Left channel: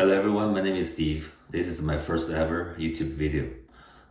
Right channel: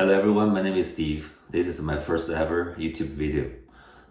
Hello everyone, my name is Steve. This is my first ever YouTube video.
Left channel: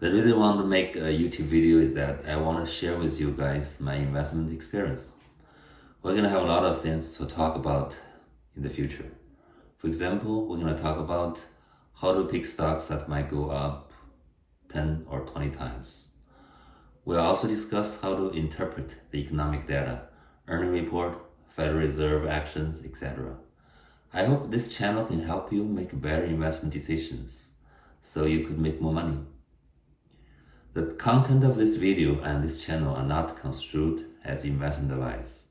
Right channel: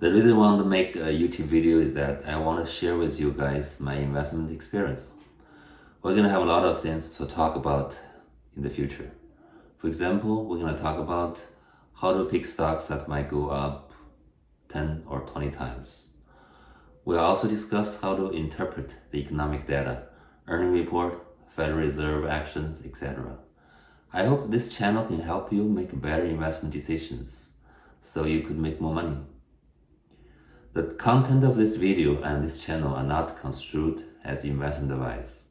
The reason I want to make a YouTube video is that I want to share with you guys my investment experience. We're going to have a lot of things to talk about in the future. For example, we're going to talk about how to pick stocks that might go up 10 or 20 times. We'll also discuss how to interpret the economic data, earning report, Federal Reserve actions, etc. I hope this channel can help you make better investment decisions so you could make more money. The content of this video and this channel are not construed as investment advice.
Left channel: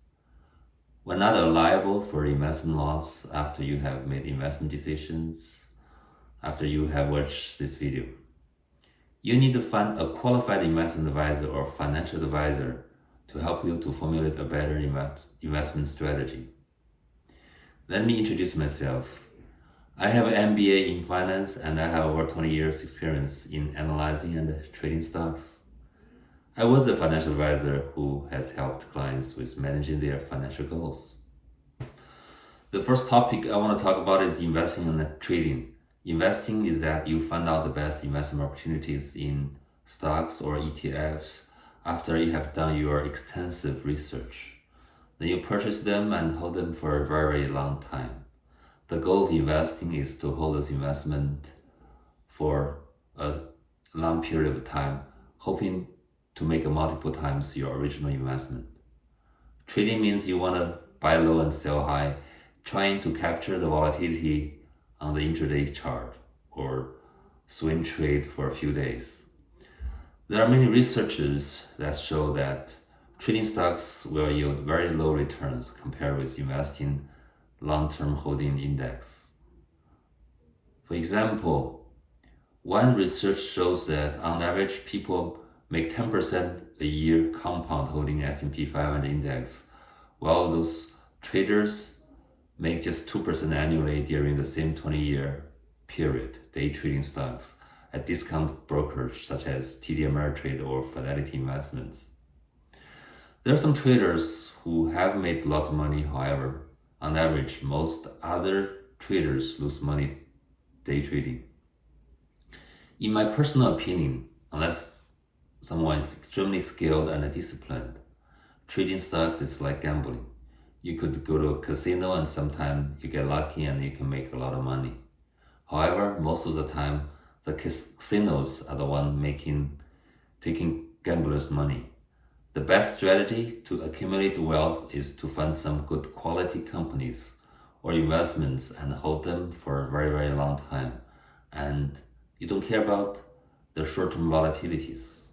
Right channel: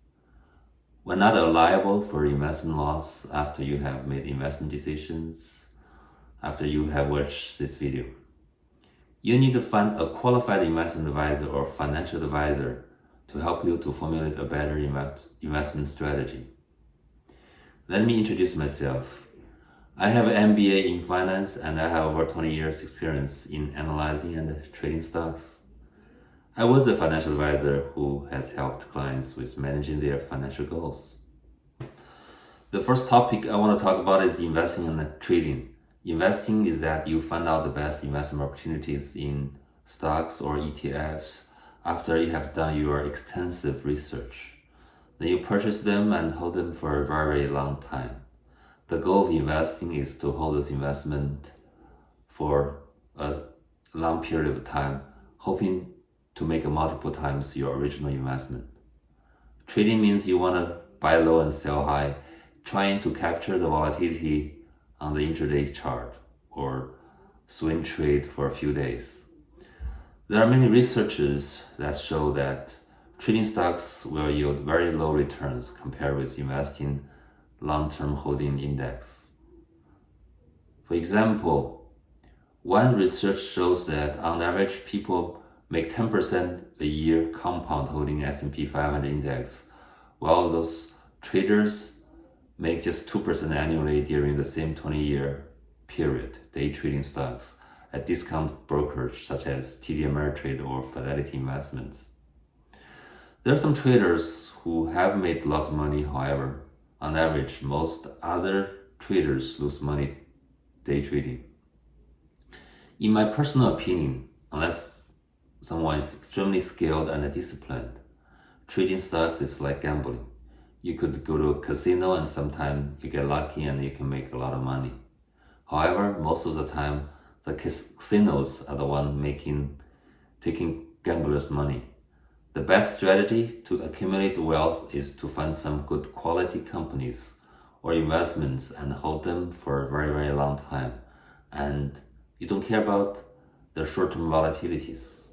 We're not liable for investment loss after you have made investment decisions, after you have watched this video. You need to find a qualified investment advisor or financial advisor to help you to formulate a better investment strategy. Let me introduce myself. I have an MBA in finance and I have over 20 years experience in analyzing and trading stocks. I was a financial advisor who has helped clients with managing their financial goals. The first topic I want to talk about is investing and trading. Investing is that you find out the best investment opportunities in stocks or ETFs after you have done your extensive research. Then you purchase them and hold them for a very, very long time. The goal of investing is to hold this investment for a long period of time, hoping to make multiple times your original investment. Trading means you want to buy low and sell high, trying to capture the volatility on the intraday chart or swing trade for a few days. There are many researches that show that trading stocks will yield very low returns compared with investing long-term holding index. For example, one research shows that on average people make 10% a year compound holding S&P 500 index, while those traders make just 2% annually during the same 20-year period, day trading stocks at discount brokers such as TD Ameritrade or Fidelity Investments. There are some traders who have made lots of money, however, on average, most other traders lose money day trading. In my personal opinion, unless someone is extremely skilled and disciplined, trading stocks is like gambling. You could go to a casino and sometimes you get lucky and you can make a lot of money. However, most of the time, the casinos are the one taking gamblers' money. The best strategy to accumulate wealth is to find some good quality companies or investments and hold them for a very, very long time. And you don't care about the short-term volatilities.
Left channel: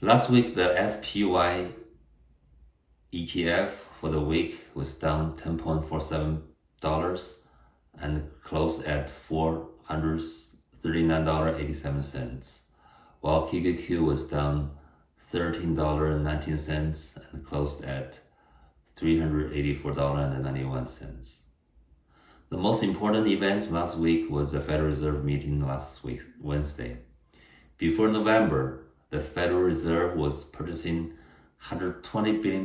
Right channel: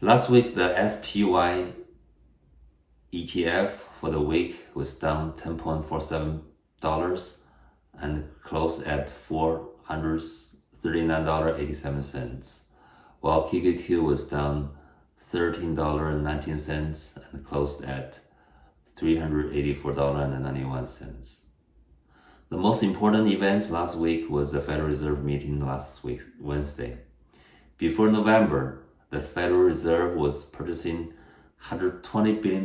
Last week, the SPY ETF for the week was down $10.47 and closed at $439.87, while QQQ was down $13.19 and closed at $384.91. The most important event last week was the Federal Reserve meeting last week, Wednesday. Before November, the Federal Reserve was purchasing $120 billion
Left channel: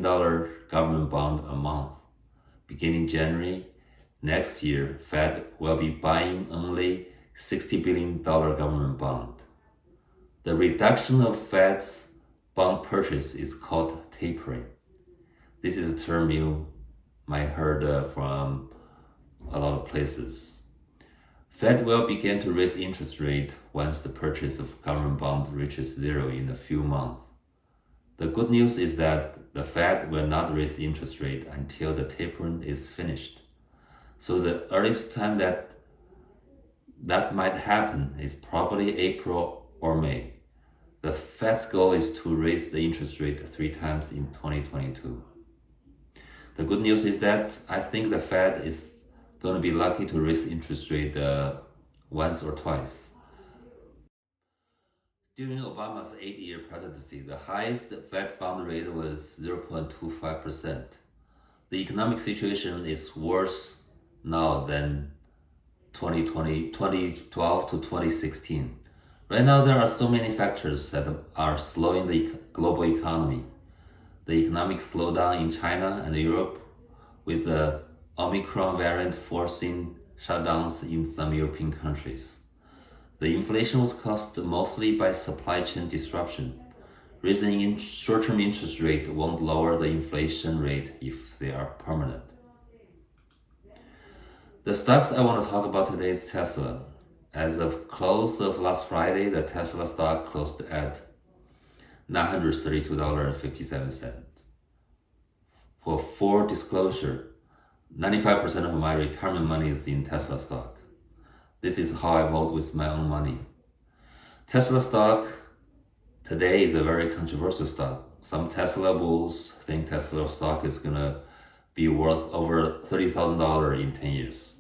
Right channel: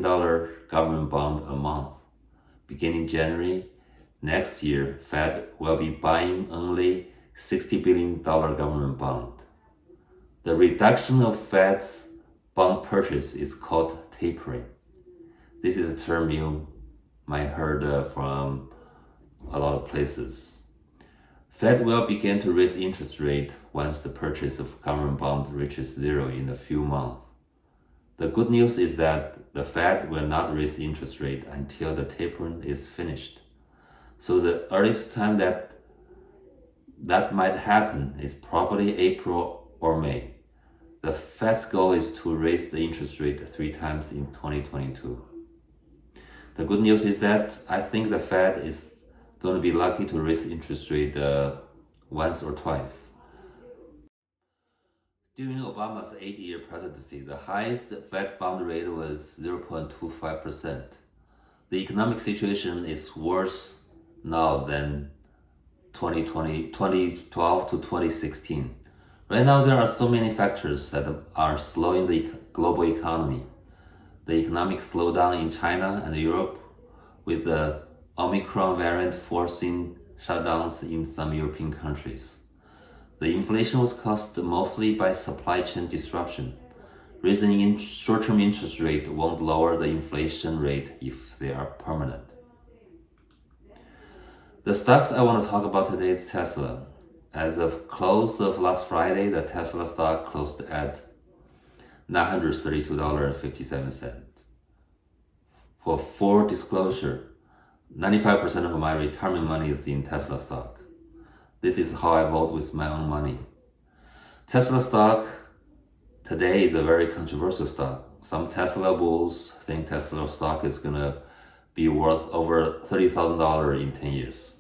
government bond a month. Beginning January next year, Fed will be buying only $60 billion government bond. The reduction of Fed's bond purchase is called tapering. This is a term you might heard from a lot of places. Fed will begin to raise interest rate once the purchase of government bond reaches zero in a few months. The good news is that the Fed will not raise interest rate until the tapering is finished. So the earliest time that might happen is probably April or May. The Fed's goal is to raise the interest rate 3 times in 2022. The good news is that I think the Fed is going to be lucky to raise interest rate once or twice. During Obama's 8-year presidency, the highest Fed fund rate was 0.25%. The economic situation is worse now than 2012 to 2016. Right now, there are so many factors that are slowing the global economy. The economic slowdown in China and Europe, with the Omicron variant forcing shutdowns in some European countries. The inflation was caused mostly by supply chain disruption. Raising short-term interest rate won't lower the inflation rate if they are permanent. The stocks I want to talk about today is Tesla. As of close of last Friday, the Tesla stock closed at $932.57. For full disclosure, 95% of my retirement money is in Tesla stock. This is how I vote with my own money. Tesla stock today is a very controversial stock. Some Tesla bulls think Tesla stock is gonna be worth over $30,000 in 10 years.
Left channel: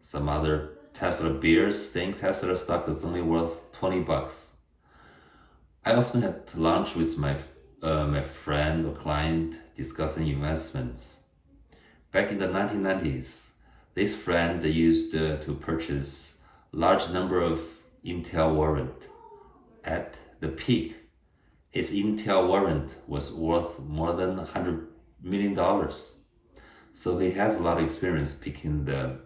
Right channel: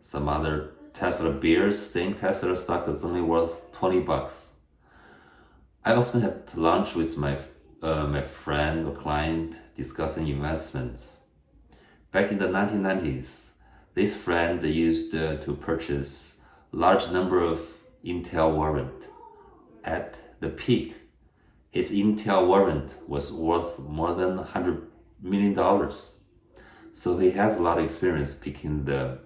Some other Tesla bears think Tesla stock is only worth $20. I often had lunch with my friend or client discussing investments. Back in the 1990s, this friend used to purchase large number of Intel warrant. At the peak, his Intel warrant was worth more than $100 million. So he has a lot of experience picking the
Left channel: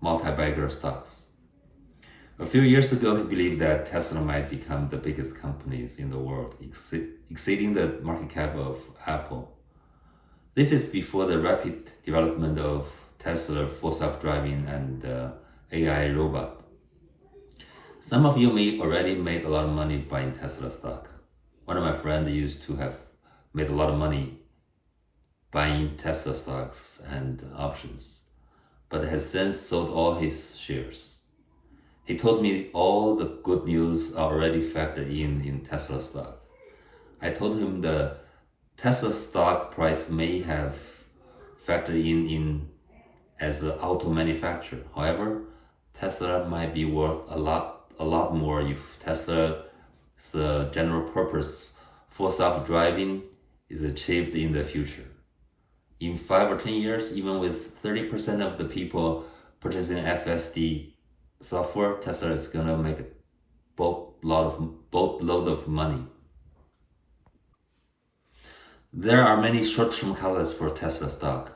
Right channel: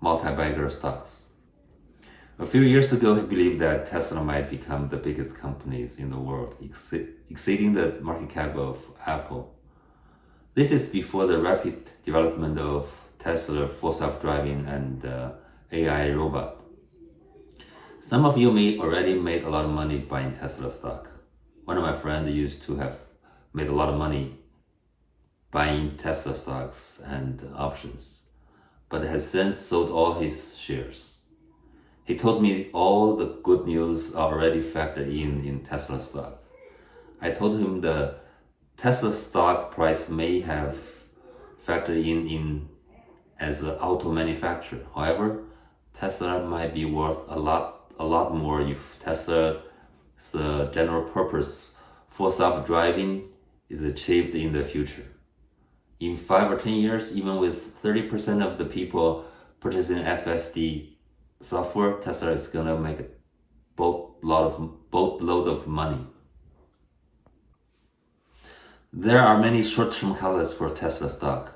multi-bagger stocks. A few years ago, he believed that Tesla might become the biggest companies in the world, exceeding the market cap of Apple. This is before the rapid development of Tesla full self-driving and AI robot. Some of you may already made a lot of money buying Tesla stock. One of my friends used to have made a lot of money buying Tesla stocks and options, but has since sold all his shares. He told me all the good news are already factored in Tesla stock. I told him the Tesla stock price may have factored in as an auto manufacturer. However, Tesla might be worth a lot more if Tesla's general purpose full self-driving is achieved in the future. In 5 or 10 years, even with 30% of the people purchasing FSD software, Tesla is gonna make a boatload of money. There are many short-term catalysts for Tesla stock.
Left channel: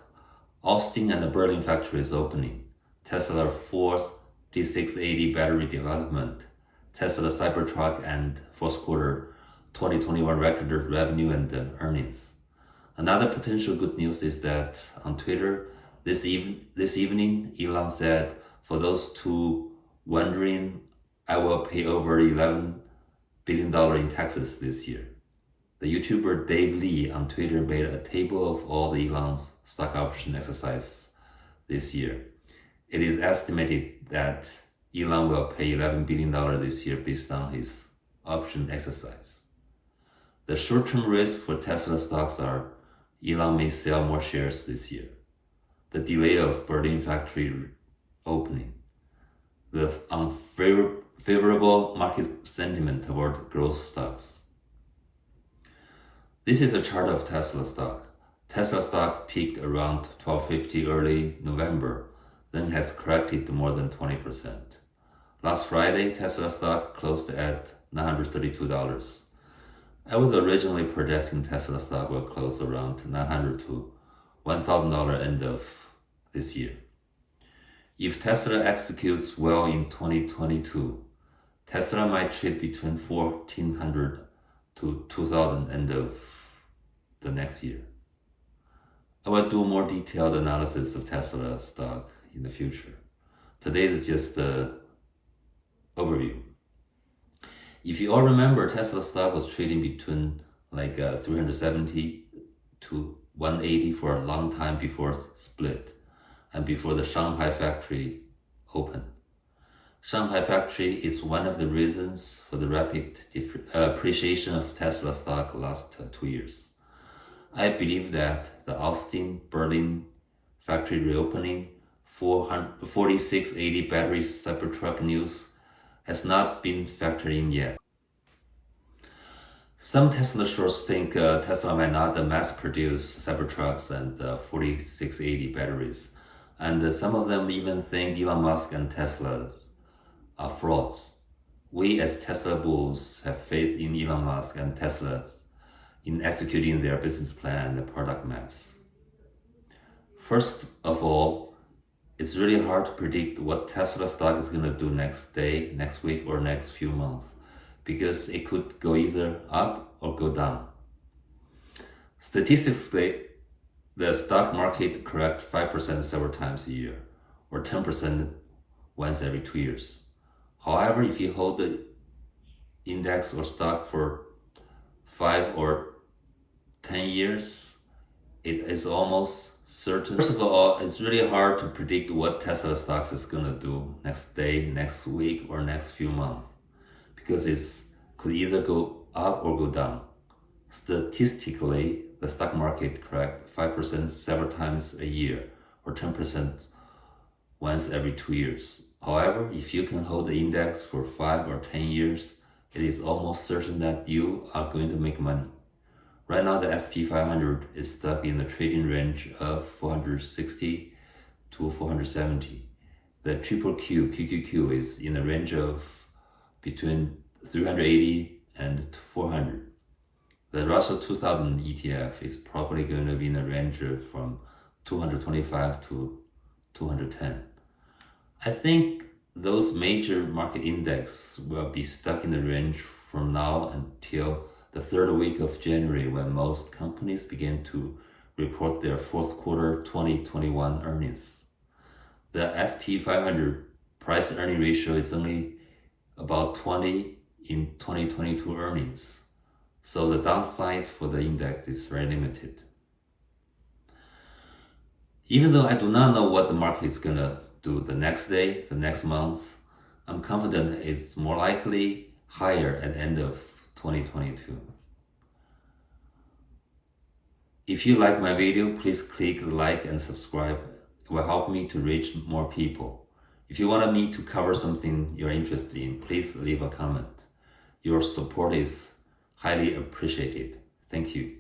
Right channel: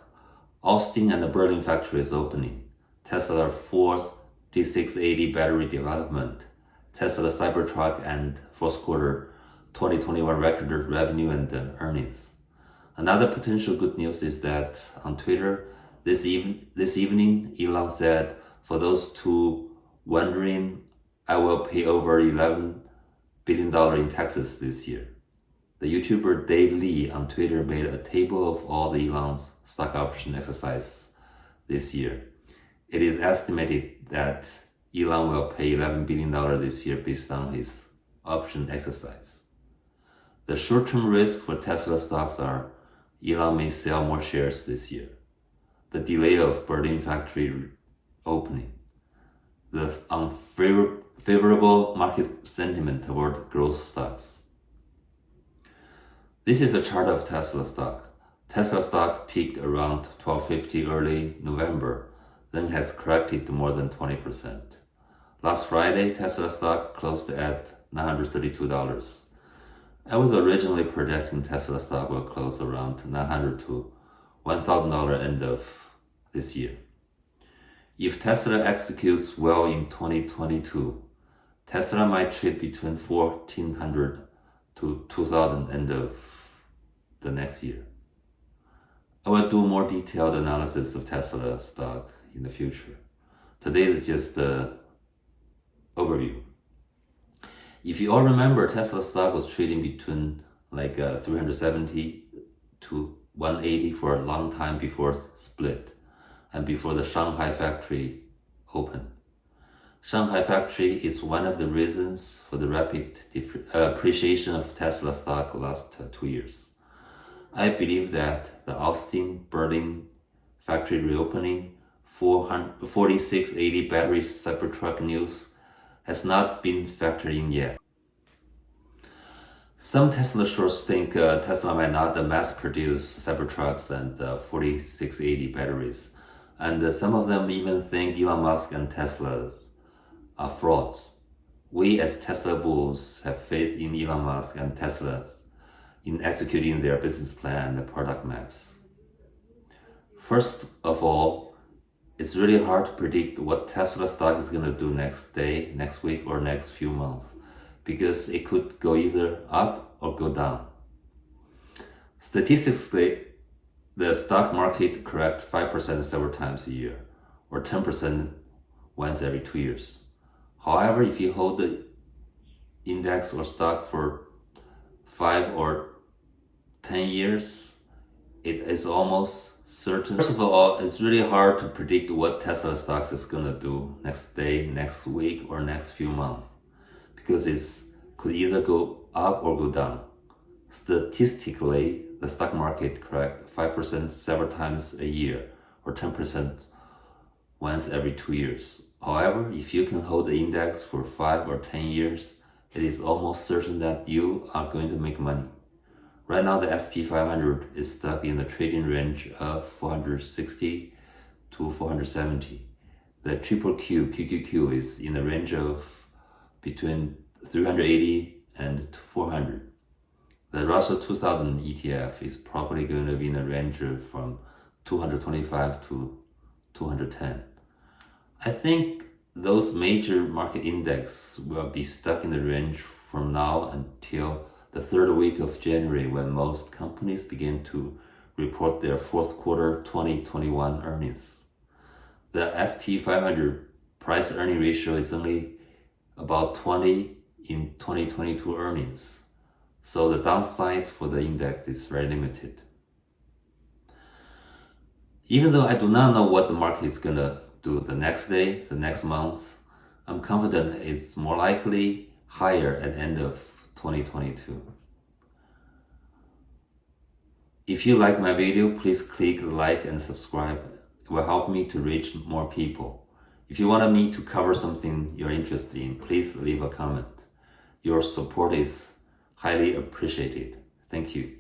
Austin and the Berlin factory is opening. Tesla 4th D680 battery development. Tesla Cybertruck and fourth quarter 2021 record revenue and earnings. Another potential good news is that on Twitter this evening, Elon said, for those two wondering, I will pay over $11 billion in taxes this year. The YouTuber Dave Lee on Twitter made a table of all the Elon's stock option exercise this year. It is estimated that Elon will pay $11 billion this year based on his option exercise. The short-term risk for Tesla stocks are Elon may sell more shares this year, the delay of Berlin factory opening, the unfavorable market sentiment toward growth stocks. This is a chart of Tesla stock. Tesla stock peaked around $12.50 early November, then has corrected more than 20%. Last Friday, Tesla stock closed at $932. I was originally projecting Tesla stock will close around $900 to $1,000 end of this year. If Tesla executes well in 2022, Tesla might trade between $1,400 to $2,000 end of the next year. I will do more detailed analysis of Tesla stock in the future. Today is just the overview. If you all remember, Tesla stock was trading between 370 to 180 for a long time before split and before the Shanghai factory opened. Shanghai factory is one of the reasons for the rapid appreciation of Tesla stock last 2 years. I believe that the Austin, Berlin factory reopening, 4680 battery Cybertruck news has not been factored in yet. Some Tesla shorts think Tesla might not mass produce Cybertrucks and 4680 batteries. And some of them even think Elon Musk and Tesla are frauds. We as Tesla bulls have faith in Elon Musk and Tesla in executing their business plan and product maps. First of all, it's really hard to predict what Tesla stock is going to do next day, next week, or next few months, because it could go either up or go down. Statistically, the stock market corrects 5% several times a year, or 10% once every 2 years. However, if you hold the index or stock for 5 or 10 years, it is almost certain. First of all, it's really hard to predict what Tesla stocks is going to do next day, next week, or next few months, because it could either go up or go down. Statistically, the stock market corrects 5% several times a year, or 10% once every 2 years. However, if you can hold the index for 5 or 10 years, it is almost certain that you are going to make money. Right now, the S&P 500 is stuck in the trading range of 460 to 470. The QQQ is in the range of between 380 and 400. The Russell 2000 ETF is probably going to be in the range of from 225 to 210. I think those major market index will be stuck in the range from now until the third week of January, when most companies begin to report their fourth quarter 2021 earnings. The S&P 500 price earning ratio is only about 20 in 2022 earnings, so the downside for the index is very limited. Even though I do not know what the market is going to do the next day, the next month, I'm confident it's more likely higher at the end of 2022. If you like my video, please click like and subscribe. It will help me to reach more people. If you want me to cover something you're interested in, please leave a comment. Your support is highly appreciated. Thank you.